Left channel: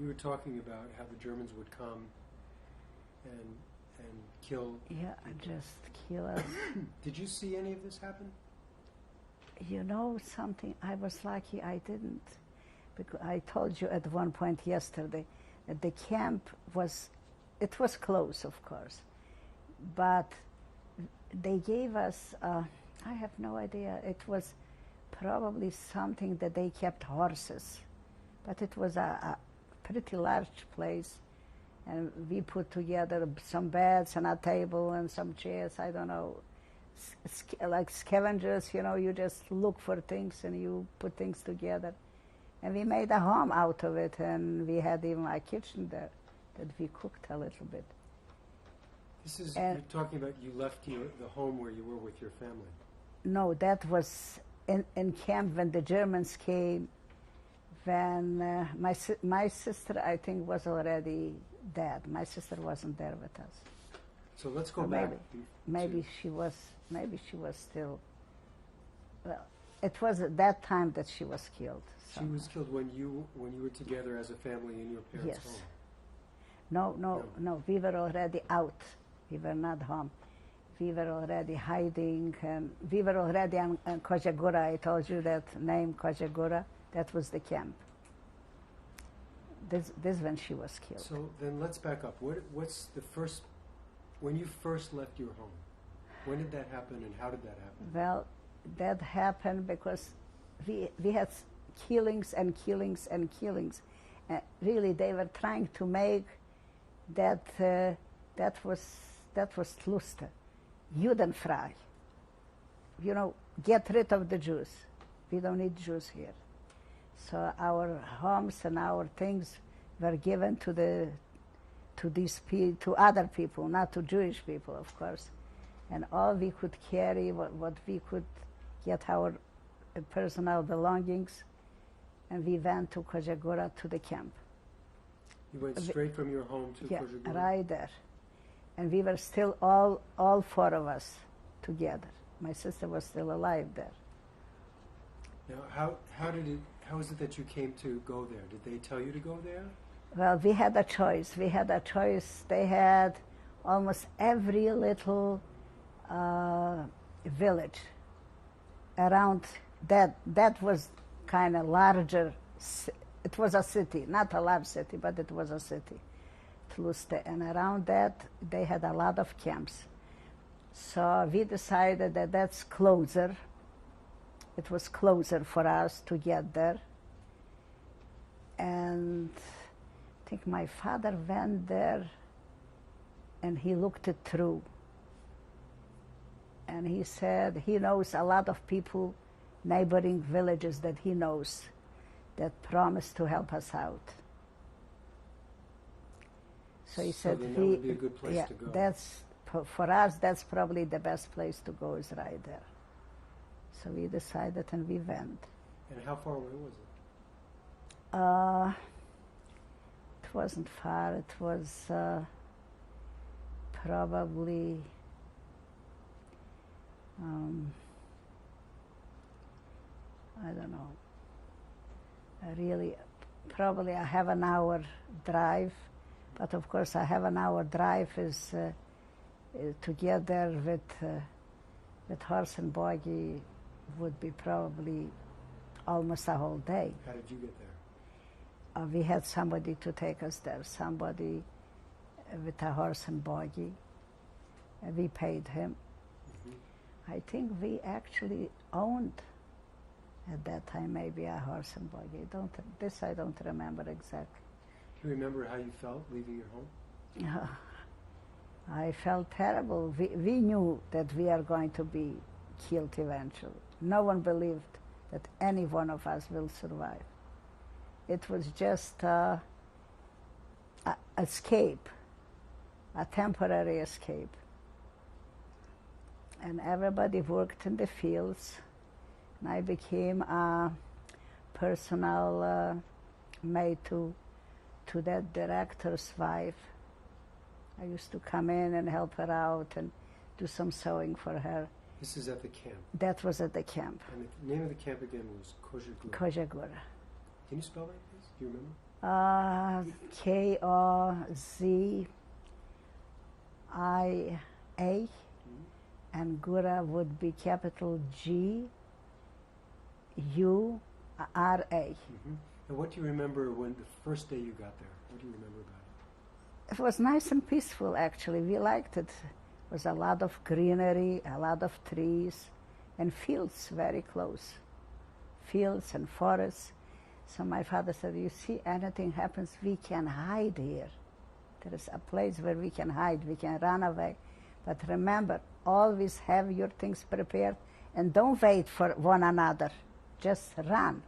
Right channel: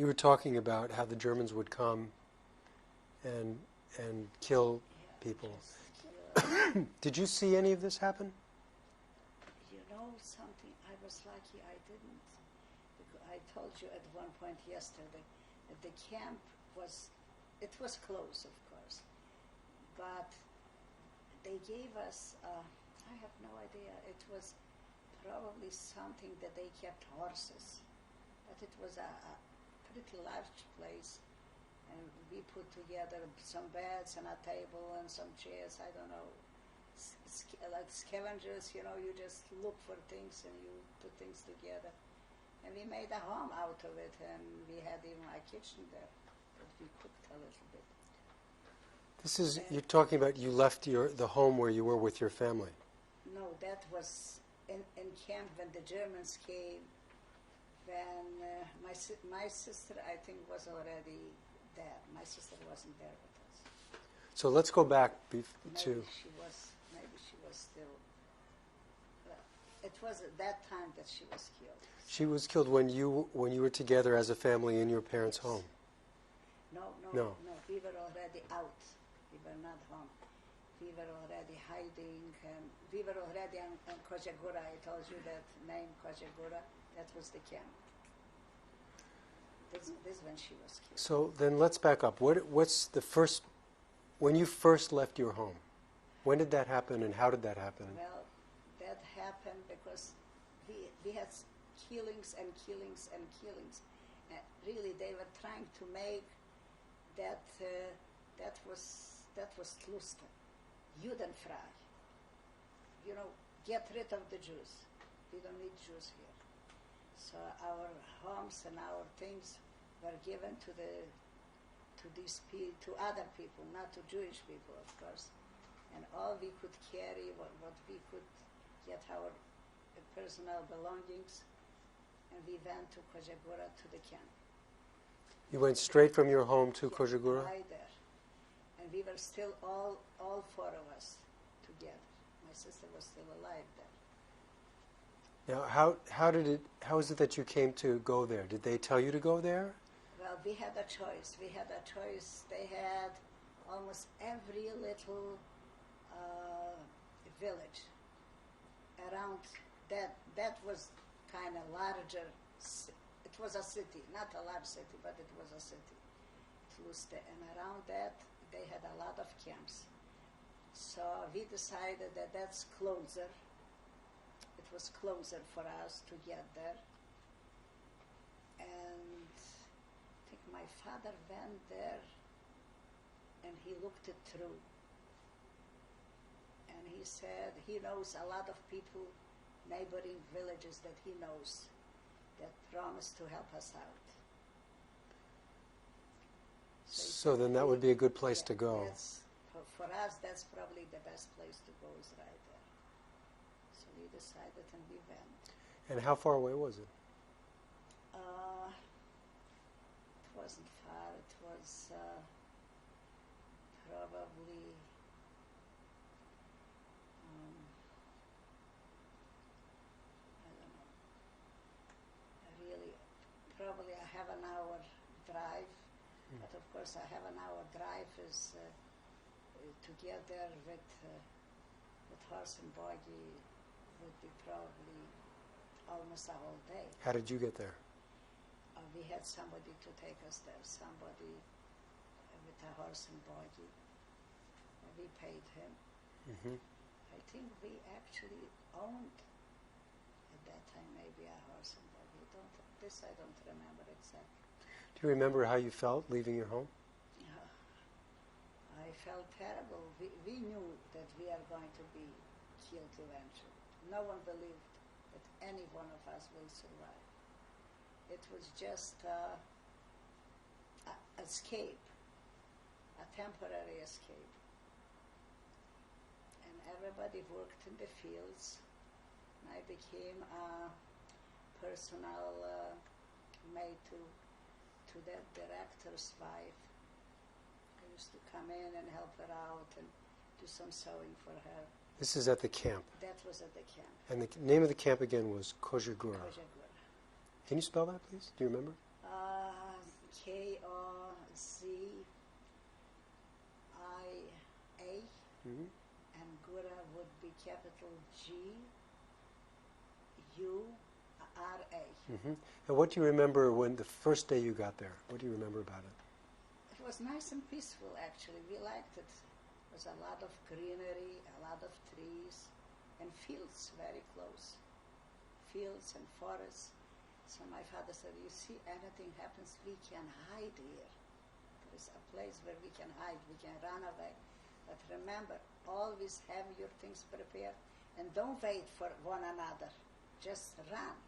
You were talking about how the Germans would come and kill people. Just kill us. Did you see any of this happen? You know something, I was lucky I didn't. Because I told you at one point yesterday that the camp was closed, of course, but they gave us, I have no idea, it was probably something that they kept horses, but it was a pretty large place, and we put together some beds and a table and some chairs, I don't know, like scavengers, you know, you just look for things and you put things together. And we made a home out of it, and we had even a kitchen there that we cooked a little bit. This is, you're talking about you left the home where you were with your family. No, that was in camp when the Germans came, when my sister, I think, was already dead. My sister wasn't there with us. So let's go back. Maybe she was still, well, it was at that time that she was killed. She was killed when you were together as a family in your parents' home? No, we were already out. We were not home. We were already hiding, and we were already on Kojagura. I told you that name, Kojagura. That was the camp. This when she was killed. So then let's back up. What's the first, when you first left your home, when did that happen and how did that happen? Well, that happened because we had killings and killings and killings. Really, they were trying to make that was Luster, Judenfrei. You know, get rid of the Jews. We don't need Jews here. So our homes and our things were given to other people, not to Jewish people, of course. And all we could carry, what we could get our personal belongings, and we went to Kojagura to the camp. You went straight from your home to Kojagura? Right there. And we were still all four of us together. My sister was still alive there. Now, how is it that you came to go there? Did they tell you to go there? Well, we had a choice. They had almost every little village around that. That was kind of larger. It was a city, not a large city, but it was a city, Tluste. And around that, they had a lot of camps. So we decided that that's closer. It was closer for us to get there. And I think my father went there and he looked it through. And he said he knows a lot of people, neighboring villages that he knows, that promised to help us out. So he said, then that would be a good place to go. That's, for us, that's probably the best place to go, is right there. So we decided and we went. And how far away was it? It wasn't far. It was probably I don't know. Really, probably I have an hour drive, but of course I have an hour drive is to get there with horse and buggy would be probably almost a whole day. How did you get there? We had somebody to take us there, somebody with a horse and buggy. We paid him. Mm-hmm. I think we actually owned at that time maybe a horse and buggy. I don't remember exactly. Do you remember how you felt leaving your home? I felt terrible. We knew that we are going to be killed eventually. No one believed that any one of us will survive. It was just an escape, a temporary escape. And everybody worked in the fields. And I became a personal maid to that director's wife. I used to come in and help her out and do some sewing for her. This is at the camp? That was at the camp. And the name of the camp again was Kojagura? Kojagura. Can you spell that, please? Do you remember? Kozia, and Gura would be capital Gura. And what do you remember when the first day you got there? What do you remember about it? It was nice and peaceful, actually. We liked it. It was a lot of greenery, a lot of trees, and fields very close. Fields and forests. So my father said, you see, anything happens, we can hide here. There is a place where we can hide, we can run away. But remember, always have your things prepared and don't wait for one another. Just run.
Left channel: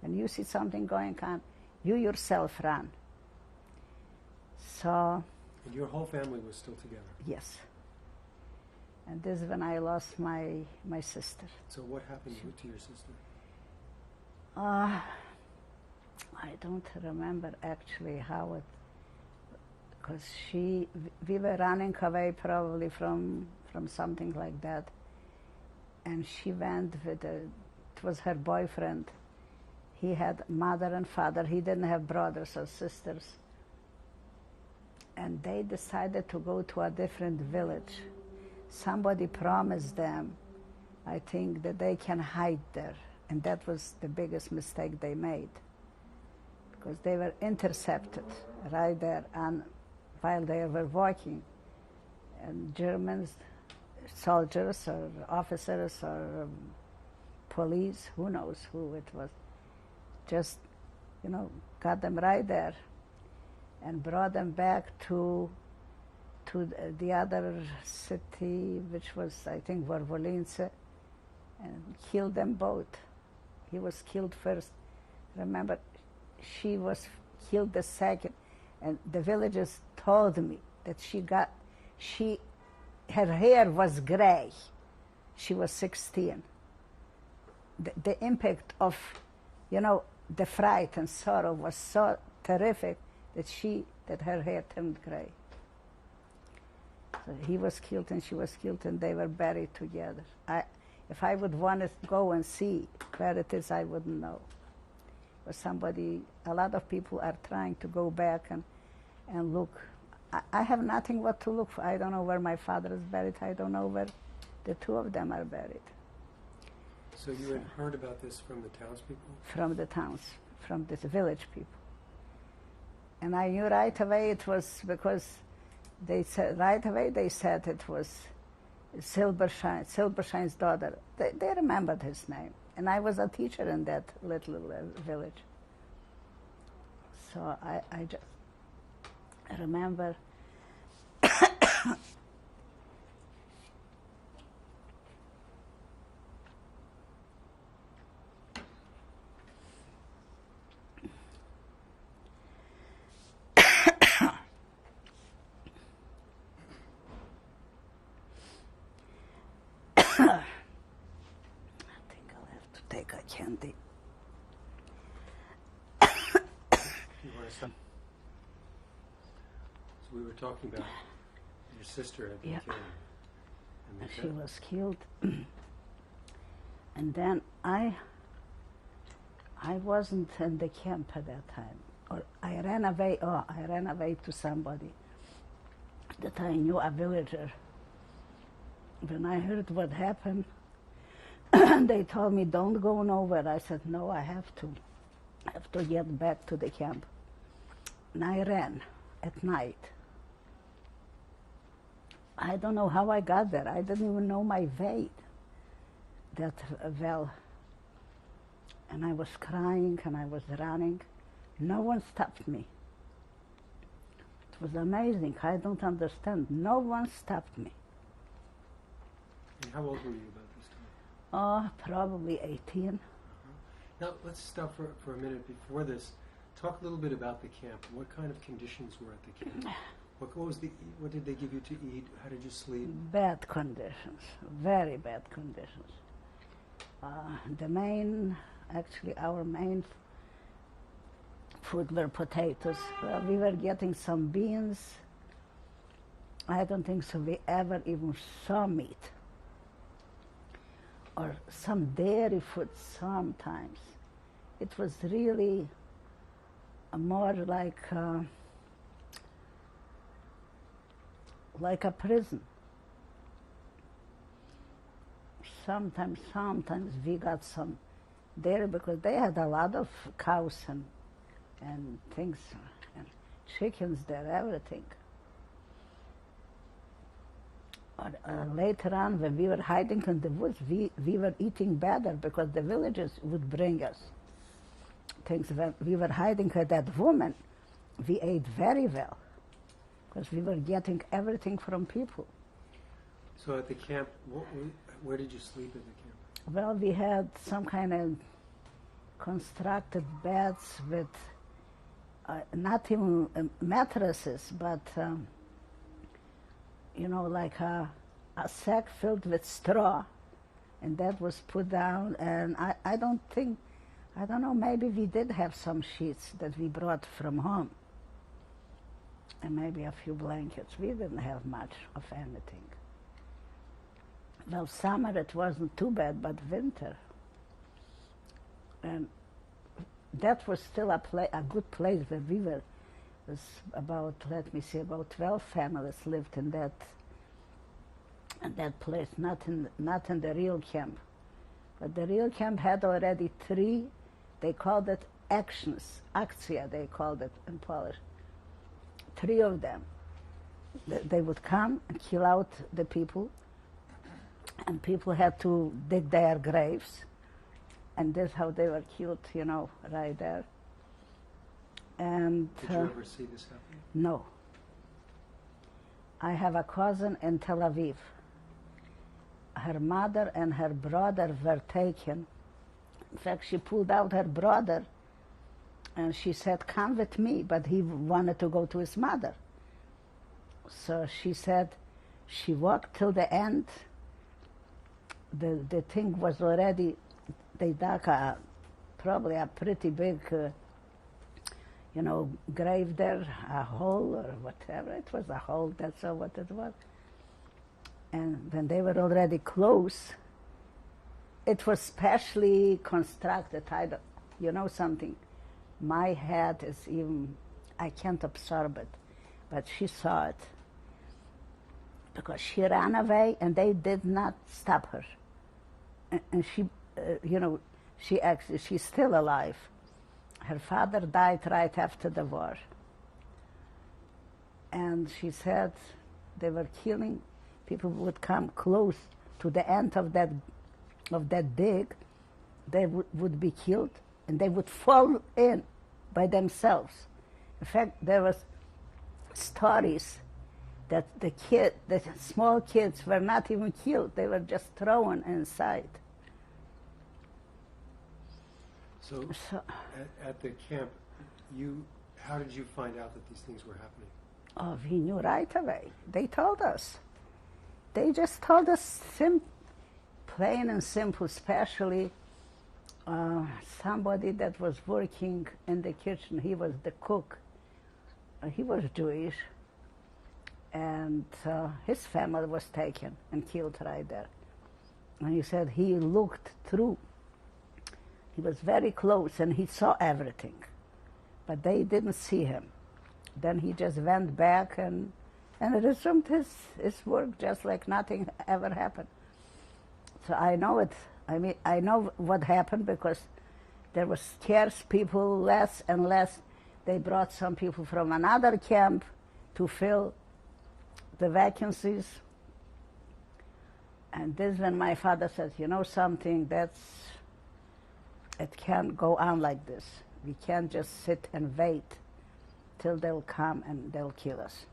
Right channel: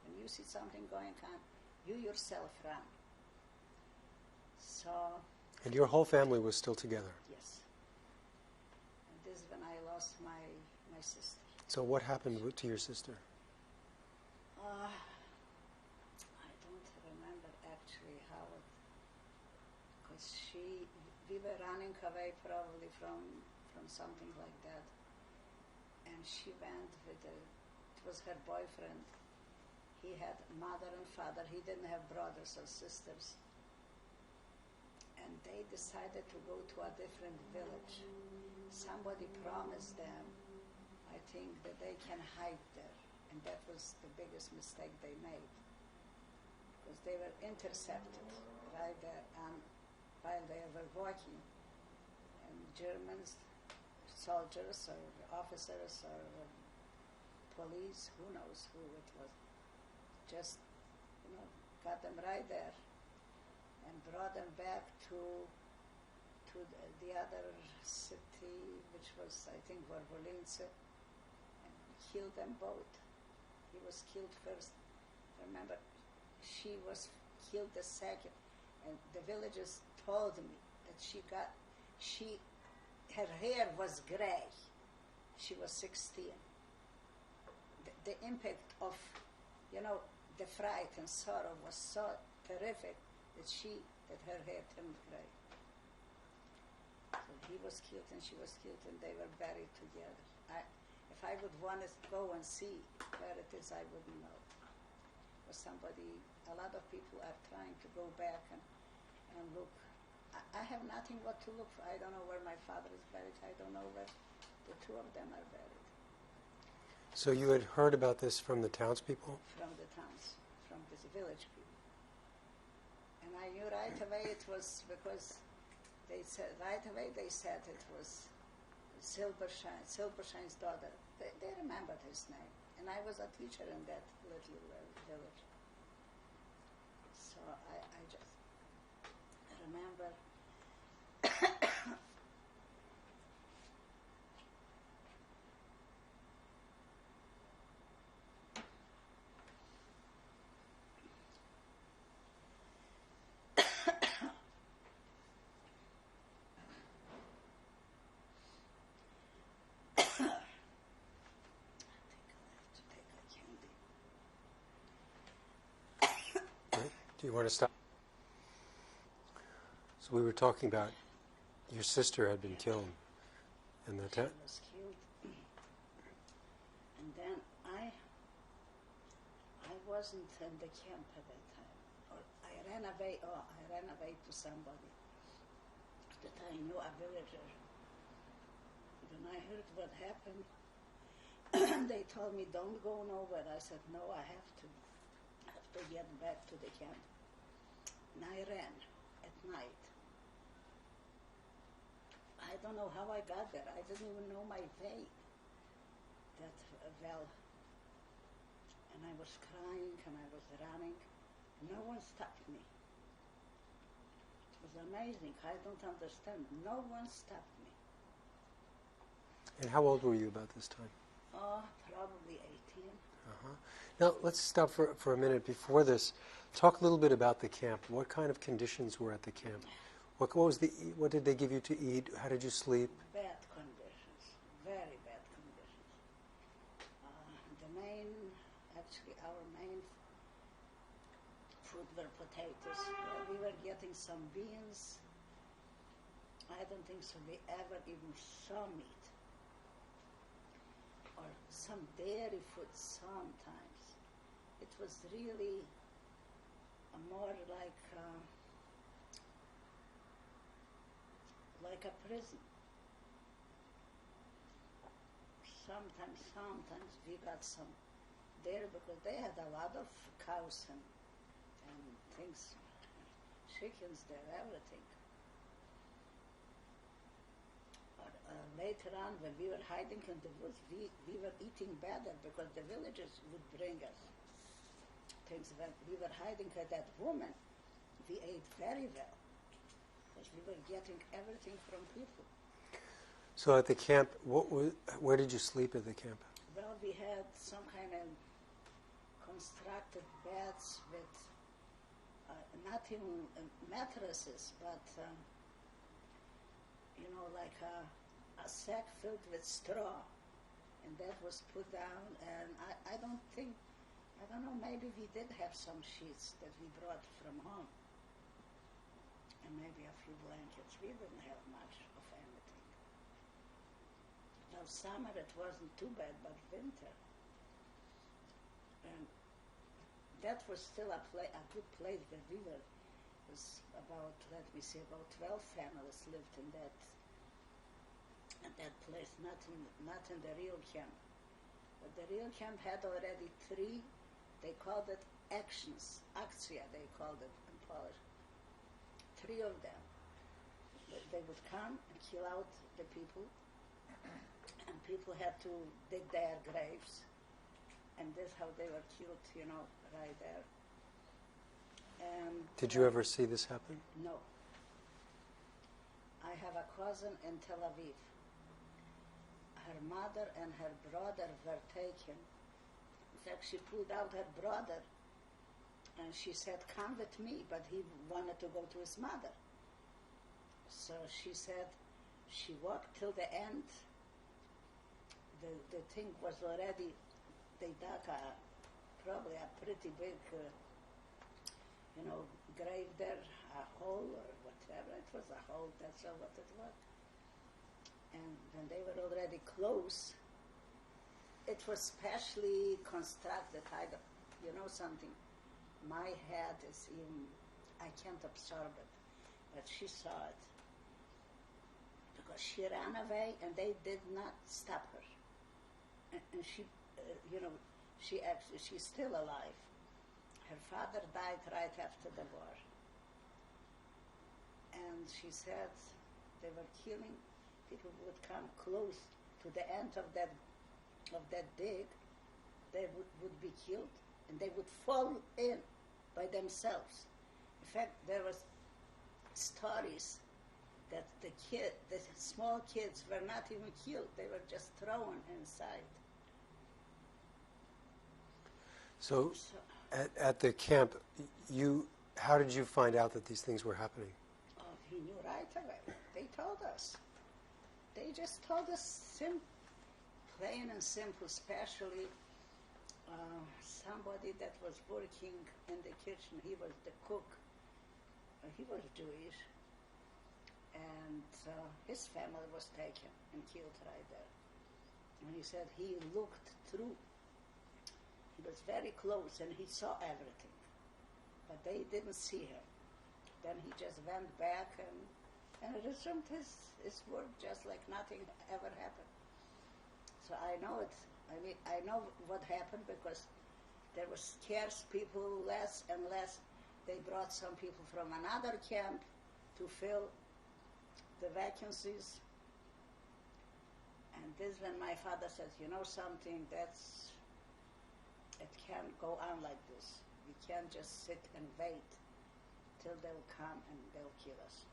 When you see something going on, you yourself run. So... And your whole family was still together? Yes. And this is when I lost my sister. So what happened to your sister? I don't remember actually how it, because we were running away probably from something like that, and she went with it was her boyfriend. He had mother and father. He didn't have brothers or sisters, and they decided to go to a different village. Somebody promised them, I think, that they can hide there, and that was the biggest mistake they made, because they were intercepted right there and while they were walking, and Germans, soldiers or officers or police, who knows who it was, just, got them right there and brought them back to the other city, which was, I think, Vorvolince, and killed them both. He was killed first. Remember, she was killed the second, and the villagers told me that her hair was gray. She was 16. The impact of, the fright and sorrow was so terrific that her hair turned gray. So he was killed and she was killed, and they were buried together. If I would want to go and see where it is, I wouldn't know. But a lot of people are trying to go back and look. I have nothing what to look for. I don't know where my father is buried. I don't know where the two of them are buried. So you had heard about this from the townspeople? From the towns, from the village people. And I knew right away it was because they said it was Silbershine's daughter. They remembered his name. And I was a teacher in that little village. So I just remember candy. Do you want to stop? So we were talking about your sister had been killed. And she was killed. And then I wasn't in the camp at that time. Or I ran away to somebody that I knew, a villager. When I heard what happened, they told me, don't go nowhere. I said, no, I have to get back to the camp. And I ran at night. I don't know how I got there. I didn't even know my way that well. And I was crying and I was running. No one stopped me. It was amazing. I don't understand. No one stopped me. And how old were you about this time? Probably 18. Now, let's stop for a minute before this. Talk a little bit about the camp. What kind of conditions were at the camp? What did they give you to eat? How did you sleep? Bad conditions, very bad conditions. Our main food were potatoes. Well, we were getting some beans. I don't think so we ever even saw meat. Or some dairy food sometimes. It was really more like a prison. Sometimes we got some there because they had a lot of cows and things, and chickens there, everything. But later on, when we were hiding in the woods, we were eating better because the villagers would bring us things. When we were hiding with that woman, we ate very well because we were getting everything from people. So at the camp, where did you sleep at the camp? Well, we had some kind of constructed beds with not even mattresses, but like a sack filled with straw, and that was put down. And I don't know, maybe we did have some sheets that we brought from home, and maybe a few blankets. We didn't have much of anything. Well, summer it wasn't too bad, but winter. And that was still a good place where we were. It was about 12 families lived in that place, not in the real camp. But the real camp had already 3, they called it actions, akcja they called it in Polish. 3 of them. They would come and kill out the people, and people had to dig their graves, and that's how they were killed, right there. And did you ever see this happen? No. I have a cousin in Tel Aviv. Her mother and her brother were taken. In fact, she pulled out her brother, and she said, "Come with me," but he wanted to go to his mother. So she said, she walked till the end. The thing was already, they dug probably a pretty big, grave there, a hole or whatever. It was a hole, that's all what it was. And when they were already close, it was specially constructed. Something. My head is even, I can't absorb it, but she saw it. Because she ran away and they did not stop her. And she, she's still alive. Her father died right after the war. And she said they were killing, people would come close to the end of that dig, they would be killed, and they would fall in by themselves. In fact, there was stories that the small kids were not even killed, they were just thrown inside. So at the camp, how did you find out that these things were happening? Oh, we knew right away. They told us. They just told us plain and simple, especially somebody that was working in the kitchen. He was the cook. He was Jewish. And his family was taken and killed right there. And he said he looked through. He was very close and he saw everything. But they didn't see him. Then he just went back and resumed his work just like nothing ever happened. So I know it. I know what happened because there was scarce people, less and less. They brought some people from another camp to fill the vacancies. And this when my father says, something, it can't go on like this. We can't just sit and wait till they'll come and they'll kill us.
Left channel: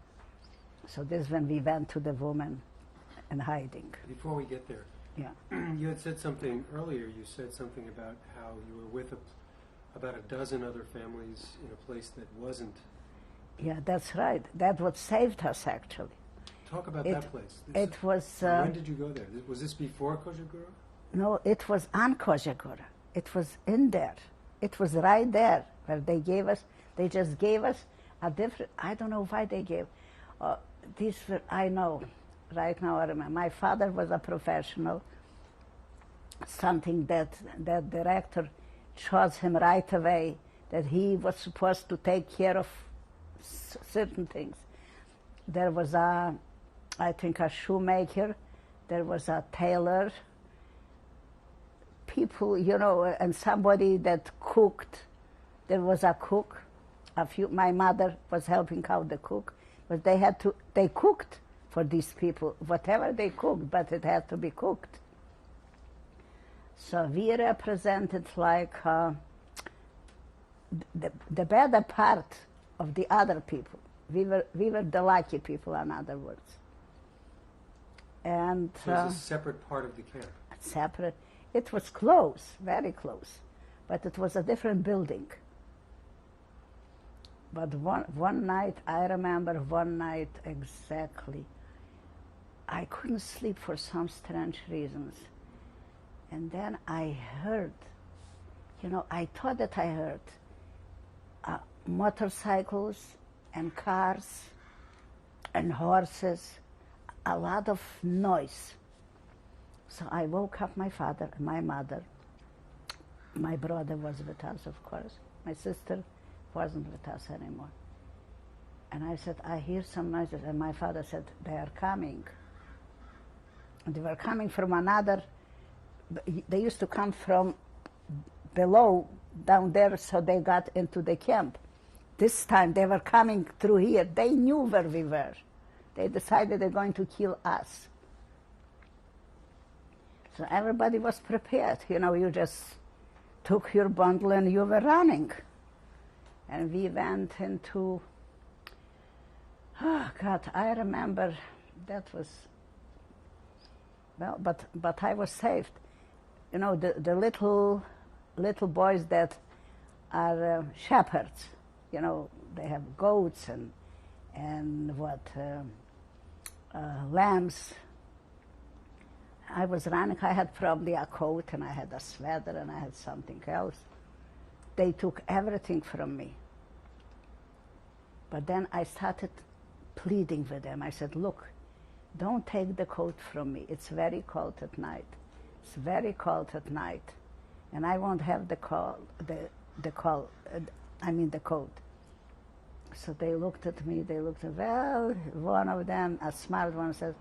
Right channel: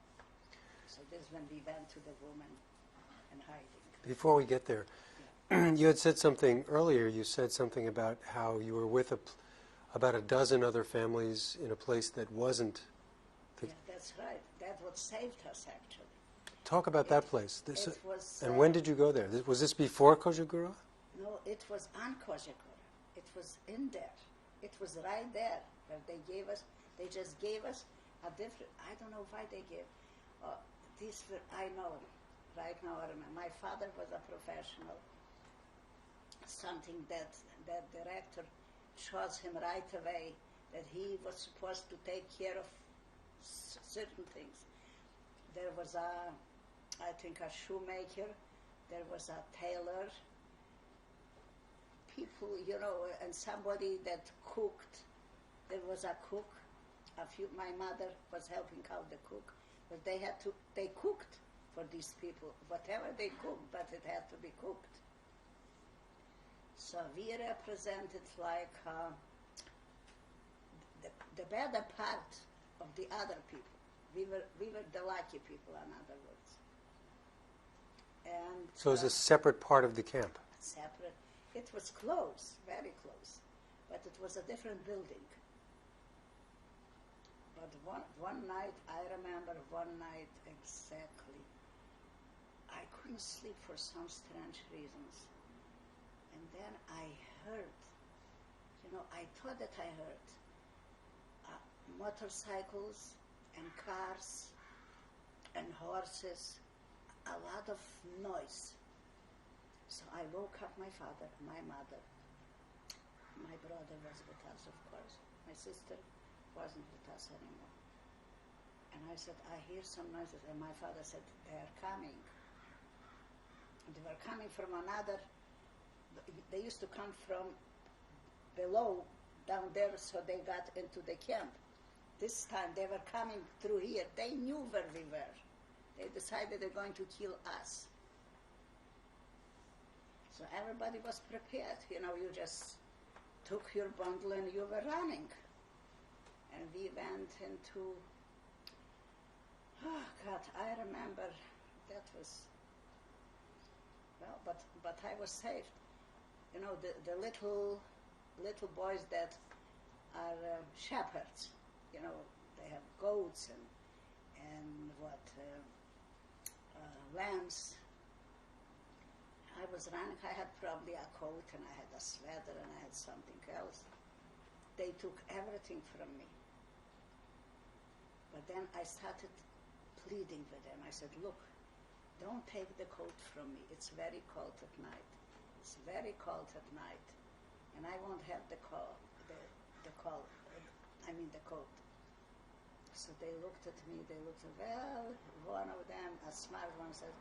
So this is when we went to the woman in hiding. Before we get there, yeah. You had said something earlier. You said something about how you were with about a dozen other families in a place that wasn't. Yeah, that's right. That's what saved us, actually. Talk about that place. It was... when did you go there? Was this before Kozhegura? No, it was on Kozhegura. It was in there. It was right there where they just gave us a different, I don't know why they gave. These were, I know, right now I remember. My father was a professional, something that director chose him right away that he was supposed to take care of certain things. There was I think a shoemaker, there was a tailor, people, and somebody that cooked. There was a cook. My mother was helping out the cook, but they cooked for these people, whatever they cooked, but it had to be cooked. So we represented like the better part of the other people. We were the lucky people, in other words. And so it was a separate part of the camp. Separate. It was close, very close, but it was a different building. But one night, I remember one night exactly, I couldn't sleep for some strange reasons. And then I heard, I thought that I heard motorcycles and cars and horses, a lot of noise. So I woke up my father and my mother. My brother was with us, of course. My sister wasn't with us anymore. And I said, I hear some noises. And my father said, they are coming. And they were coming from another, they used to come from below, down there, so they got into the camp. This time they were coming through here. They knew where we were. They decided they're going to kill us. So everybody was prepared. You just took your bundle and you were running. And we went into, oh God, I remember that was, well, but I was saved. The little boys that are shepherds, they have goats and lambs. I was running, I had probably a coat and I had a sweater and I had something else. They took everything from me. But then I started pleading with them. I said, look, don't take the coat from me. It's very cold at night. It's very cold at night. And I won't have the coat. So they looked at me, well, one of them, a smart one, says,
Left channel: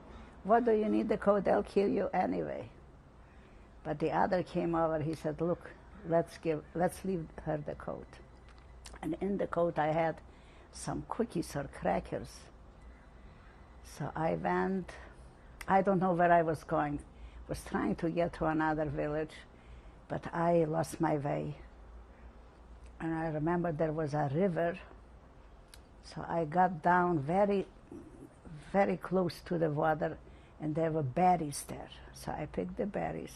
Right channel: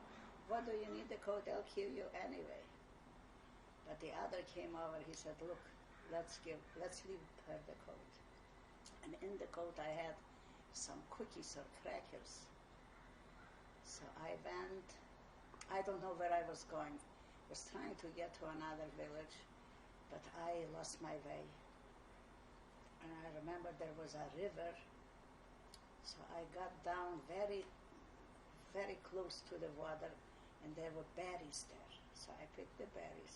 what do you need the coat? They'll kill you anyway. But the other came over, he said, look, let's leave her the coat. And in the coat I had some cookies or crackers. So I went, I don't know where I was going. Was trying to get to another village, but I lost my way. And I remember there was a river, so I got down very, very close to the water, and there were berries there. So I picked the berries,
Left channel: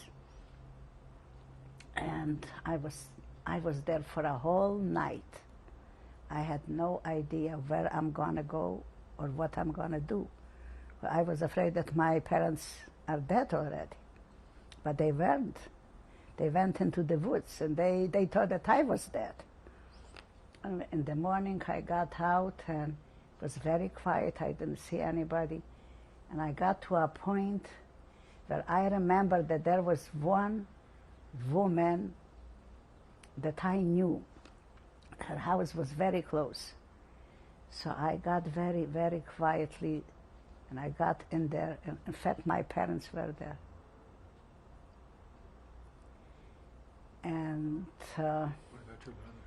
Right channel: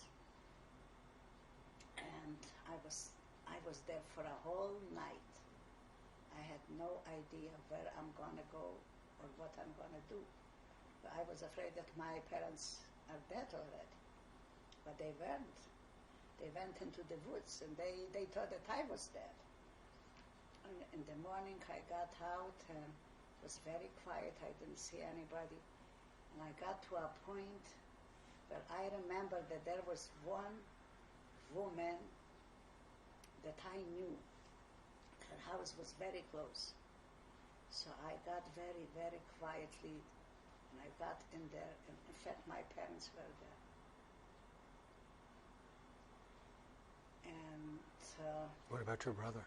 and I was there for a whole night. I had no idea where I'm gonna go or what I'm gonna do. I was afraid that my parents are dead already, but they weren't. They went into the woods, and they thought that I was dead. And in the morning I got out, and it was very quiet. I didn't see anybody. And I got to a point where I remember that there was one woman that I knew. Her house was very close. So I got very, very quietly, and I got in there. And in fact, my parents were there. And what about your brother?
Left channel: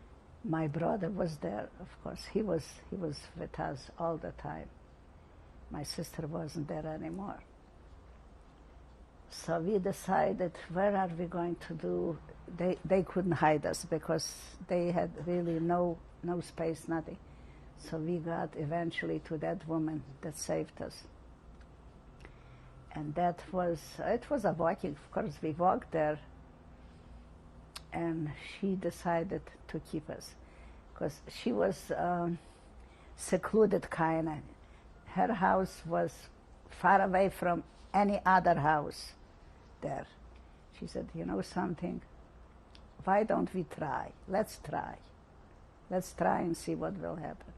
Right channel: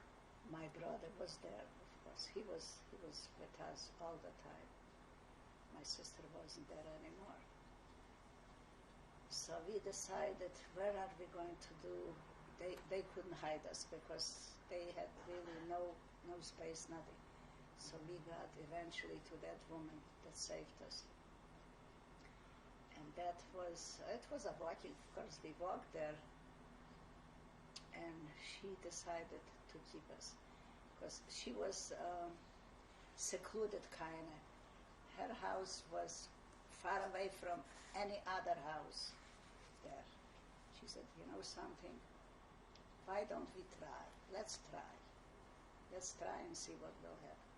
My brother was there, of course. He was with us all the time. My sister wasn't there anymore. So we decided, where are we going to do? They couldn't hide us because they had really no space, nothing. So we got eventually to that woman that saved us. And it was a walking, of course, we walked there, and she decided to keep us because she was secluded kind of. Her house was far away from any other house there. She said, you know something, why don't we try? Let's try. Let's try and see what will happen.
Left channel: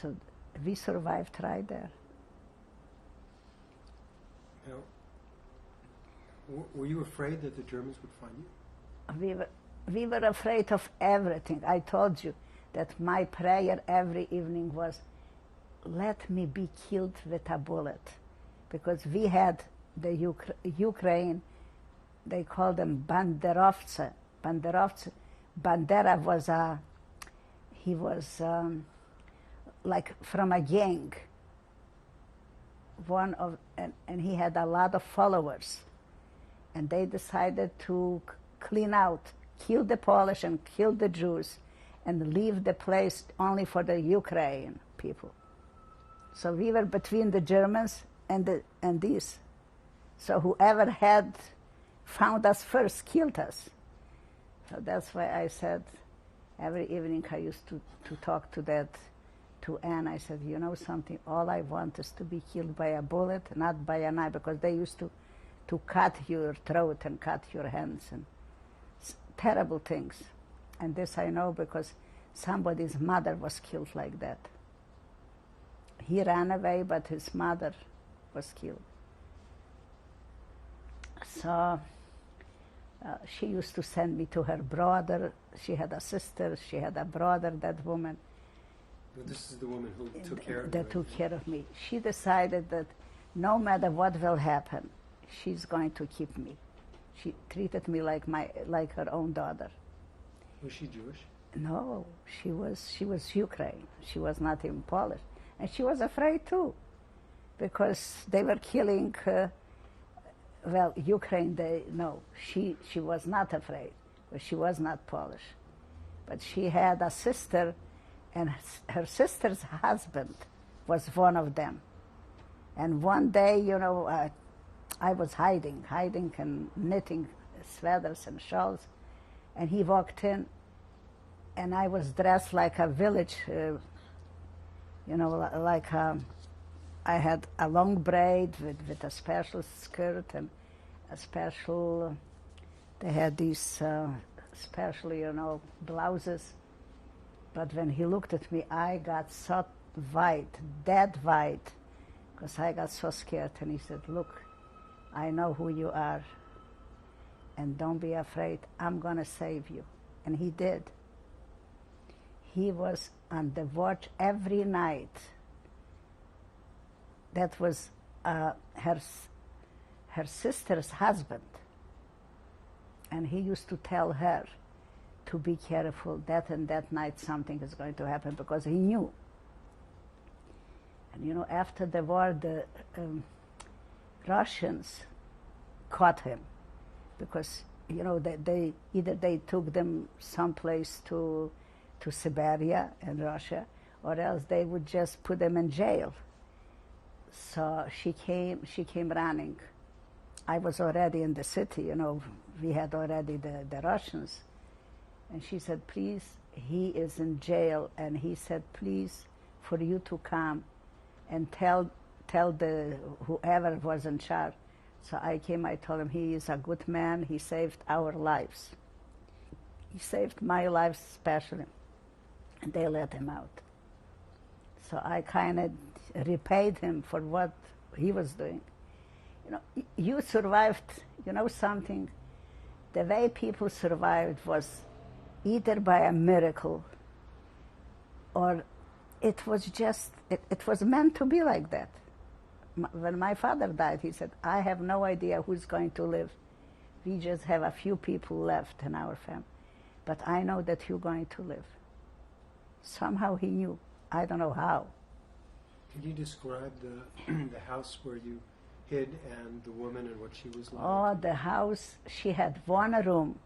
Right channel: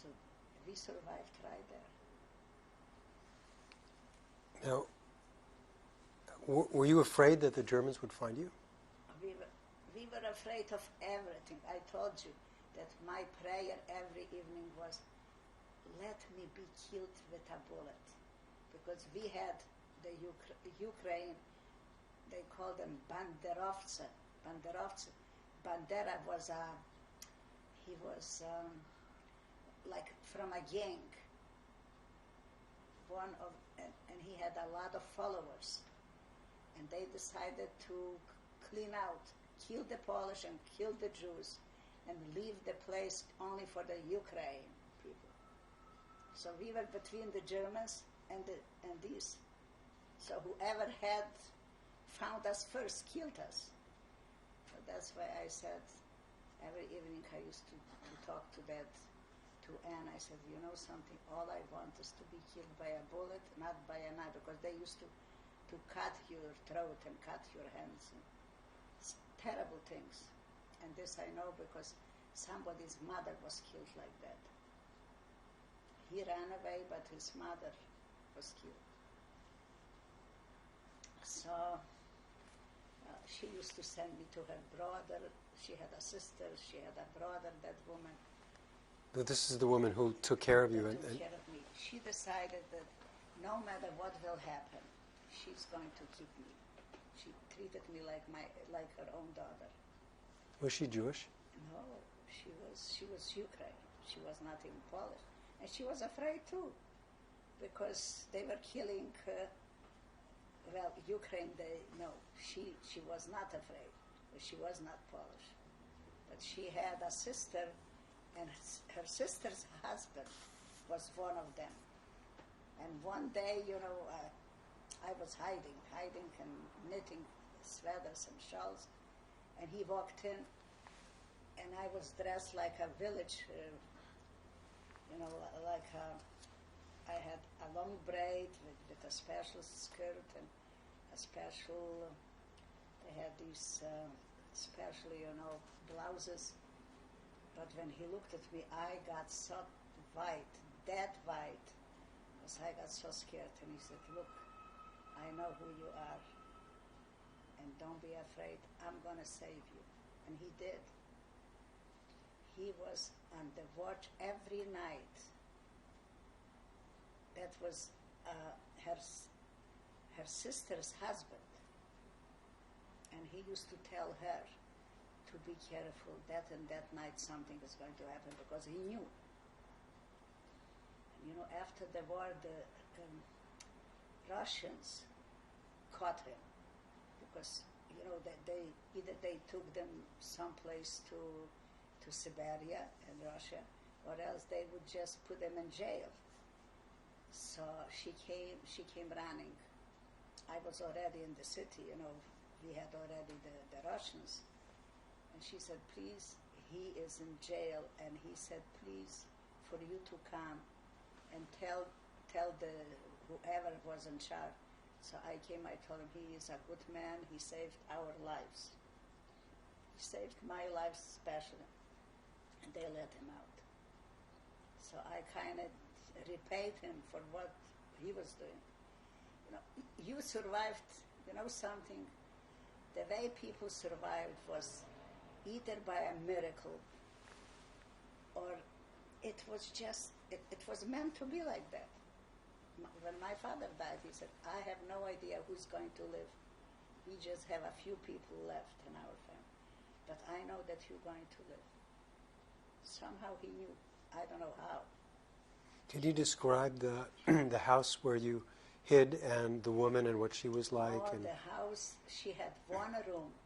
So we survived right there. Now, were you afraid that the Germans would find you? we were afraid of everything. I told you that my prayer every evening was, let me be killed with a bullet. Because we had the Ukraine, they call them banderovцы. Bandera was he was like from a gang. And he had a lot of followers. And they decided to clean out, kill the Polish and kill the Jews, and leave the place only for the Ukraine people. So we were between the Germans and these. So whoever had found us first killed us. So that's why I said every evening I used to talk to Anne. I said, you know something, all I want is to be killed by a bullet, not by a knife, because they used to cut your throat and cut your hands and terrible things. And this I know because somebody's mother was killed like that. He ran away, but his mother was killed. So she used to send me to her brother. She had a sister, she had a brother, that woman. This is the woman who took care of you. That took care of me. She decided that no matter what will happen, she's going to keep me. She treated me like her own daughter. Was she Jewish? No, she was Ukraine. She was not even Polish. And she was afraid too, because they were killing, Ukraine, she was not afraid, but she was not Polish. But she had a sister, and her sister's husband was one of them. And one day, I was hiding and knitting sweaters and shawls, and he walked in, and I was dressed like a village, I had a long braid with a special skirt and a special, they had these special, blouses. But when he looked at me, I got so white, dead white, because I got so scared. And he said, look, I know who you are, and don't be afraid. I'm going to save you. And he did. He was on the watch every night. That was her sister's husband. And he used to tell her to be careful, that and that night something is going to happen, because he knew. And after the war, the Russians caught him, because they either took them someplace to Siberia in Russia, or else they would just put them in jail. So she came running. I was already in the city, we had already the Russians. And she said, please, he is in jail. And he said, please, for you to come and tell the whoever was in charge. So I came, I told him, he is a good man, he saved our lives. He saved my life especially. And they let him out. So I kind of repaid him for what he was doing. You survived, something. The way people survived was either by a miracle, or it was just, it was meant to be like that. When my father died, he said, I have no idea who's going to live. We just have a few people left in our family. But I know that you're going to live. Somehow he knew. I don't know how. Could you describe the house where you hid, and the woman and what she was like? Oh, the house, she had one room.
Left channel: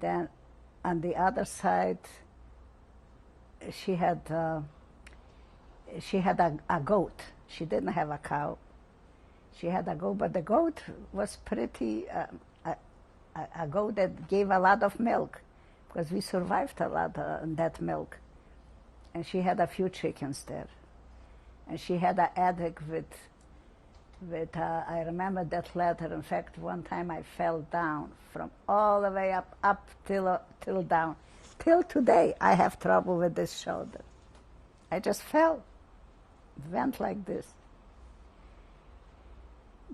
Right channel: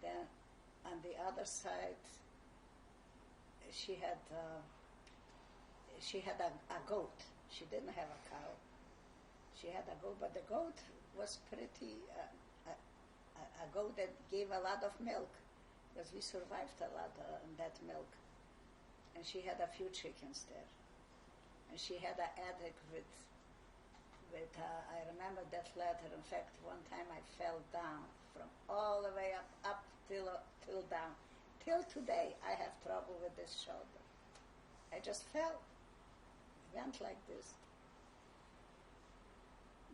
Then on the other side, she had a goat. She didn't have a cow. She had a goat, but the goat was pretty, a goat that gave a lot of milk, because we survived a lot on that milk. And she had a few chickens there. And she had an attic with I remember that ladder. In fact, one time I fell down from all the way up till down. Till today, I have trouble with this shoulder. I just fell, went like this.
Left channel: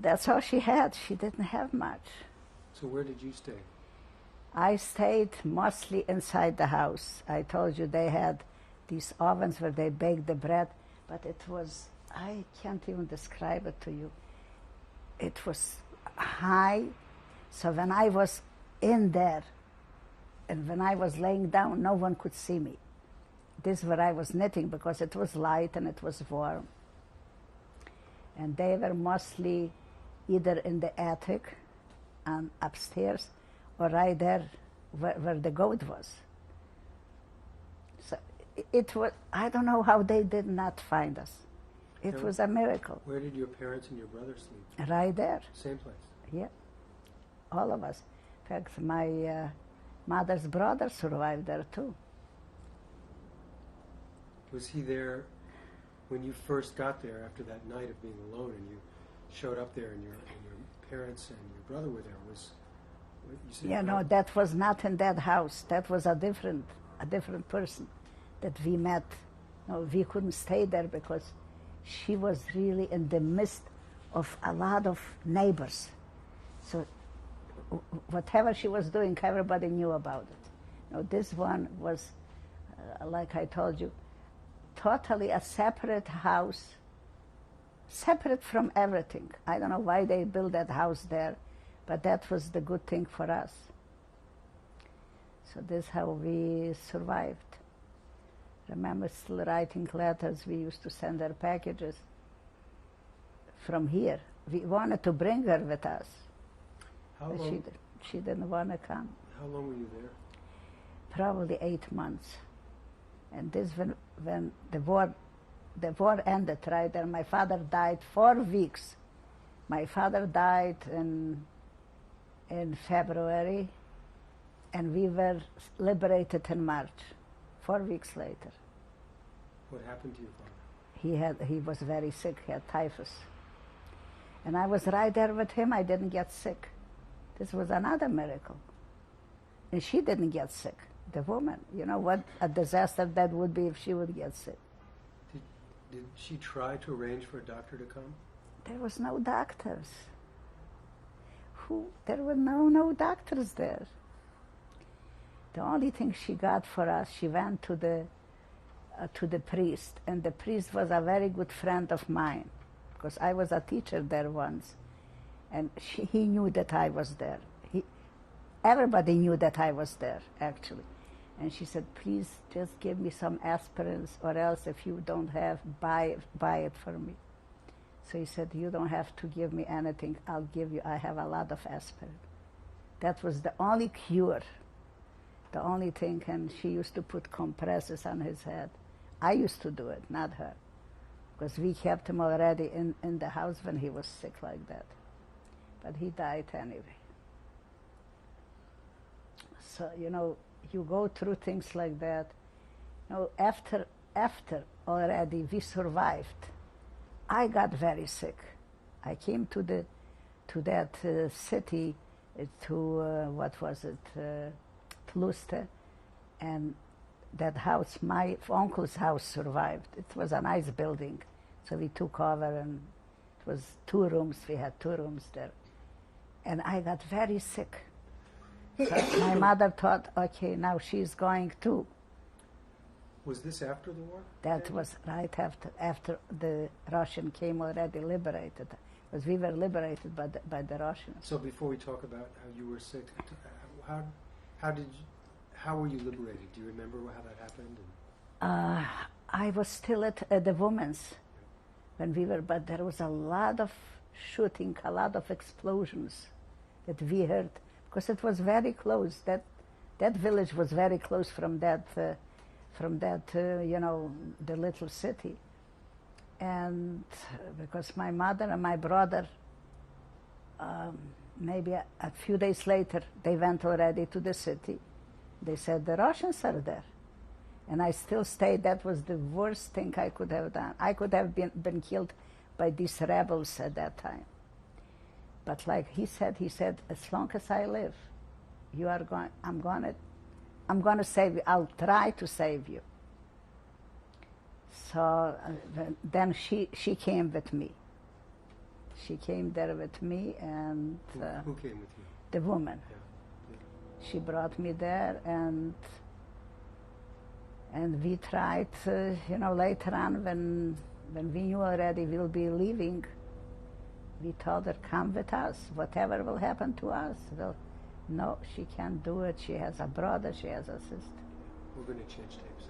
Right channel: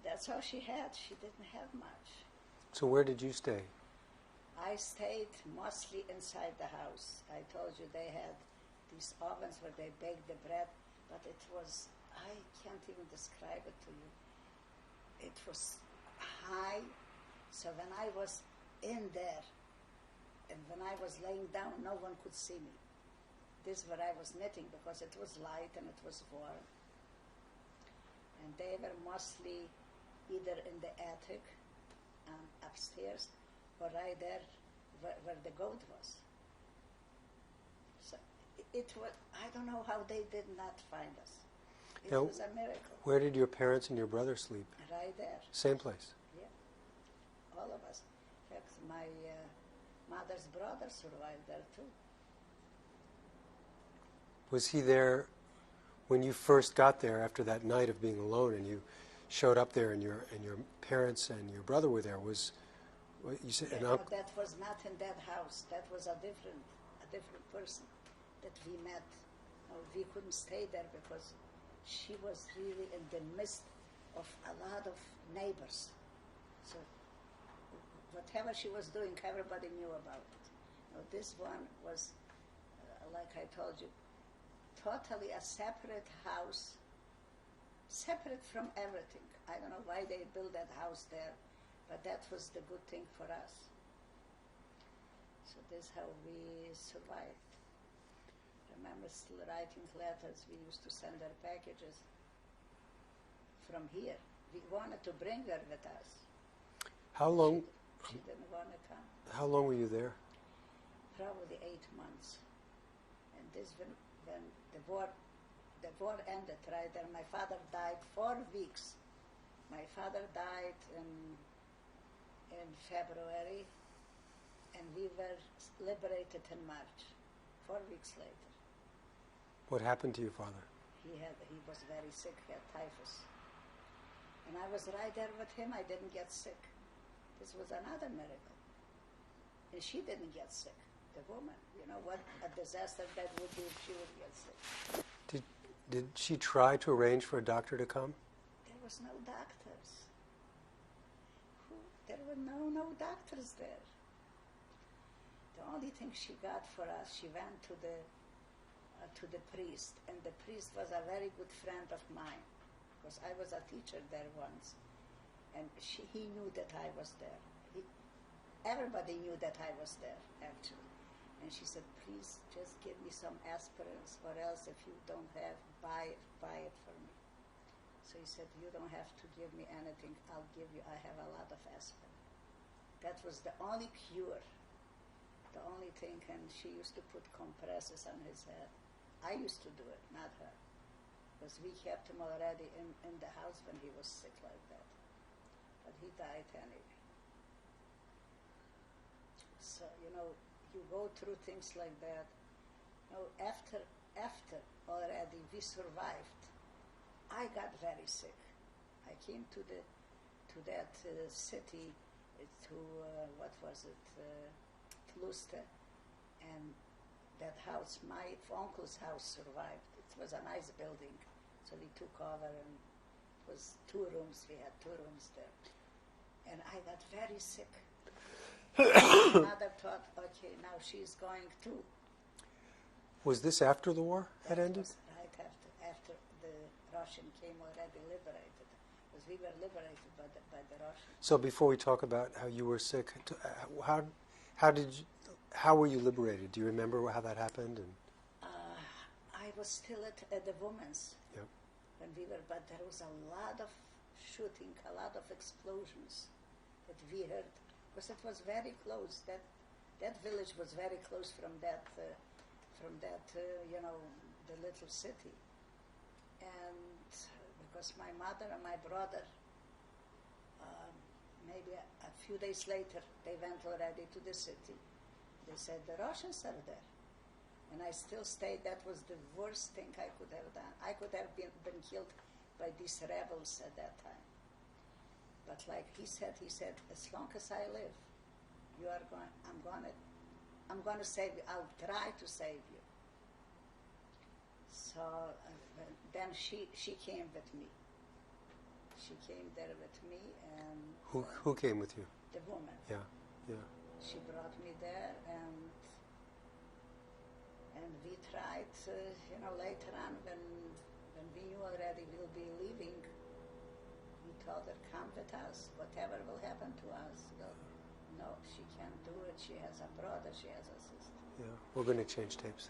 That's all she had. She didn't have much. So where did you stay? I stayed mostly inside the house. I told you they had these ovens where they baked the bread, but it was, I can't even describe it to you. It was high, so when I was in there and when I was laying down, no one could see me. This is where I was knitting because it was light and it was warm. And they were mostly either in the attic and upstairs or right there where the goat was. So it was, I don't know how they did not find us. It Now, was a miracle. Where did your parents and your brother sleep? Right there, Same place. yeah, all of us. In fact, my mother's brother survived there too. Was he there when you first got there after that night of being alone and you showed up there and your parents and your brother were there? Was what you said? Yeah, no, that was not in that house. That was a different person that we met. No, we couldn't stay there because she was really in the midst of a lot of neighbors. So whatever she was doing, everybody knew about it. No, this one was, like I told you, totally a separate house, separate from everything. I don't know why they built that house there, but that was the good thing for us. So this is how we survived. Remember still writing letters. We used to send her packages from here. We wanted to bring her with us. How long? She didn't want to come. How long were you there? Probably 8 months. And this when the war ended right there. My father died 4 weeks. My father died in February, and we were liberated in March, 4 weeks later. What happened to your father? He was very sick. He had typhus. And I was right there with him. I didn't get sick. This was another miracle. And she didn't get sick, the woman. You know what a disaster that would be if she would get sick. Did she try to arrange for a doctor to come? There was no doctors. There were no doctors there. The only thing she got for us, she went to the priest, and the priest was a very good friend of mine, because I was a teacher there once, and he knew that I was there. Everybody knew that I was there, actually. And she said, please just give me some aspirins, or else if you don't have, buy it for me. So he said, you don't have to give me anything. I'll give you, I have a lot of aspirin. That was the only cure, the only thing. And she used to put compresses on his head. I used to do it, not her, because we kept him already in the house when he was sick like that. But he died anyway. So, you know, you go through things like that. You know, after already we survived, I got very sick. I came to that city, what was it, Tluste, and that house, my uncle's house survived. It was a nice building, so we took over, and it was 2 rooms. We had 2 rooms there, and I got very sick. My mother thought, okay, now she's going to. Was this after the war? That was right after the Russian came already liberated, because we were liberated by the Russians. So before we talk about how you were sick, how were you liberated? Do you remember how that happened? I was still at the women's Yep. when we were, but there was a lot of shooting, a lot of explosions that we heard, because it was very close. That village was very close from that, you know, the little city. And because my mother and my brother, maybe a few days later, they went already to the city. They said the Russians are there. And I still stayed. That was the worst thing I could have done. I could have been killed by these rebels at that time. But like he said, as long as I live, you are going, I'm going to save you. I'll try to save you. So then she came with me. She came there with me, and Who came with you? the woman. Yeah, yeah. she brought me there, and we tried, later on when we knew already we'll be leaving, we told her, come with us. Whatever will happen to us, no, she can't do it. She has a brother, she has a sister. Yeah, we're going to change tapes.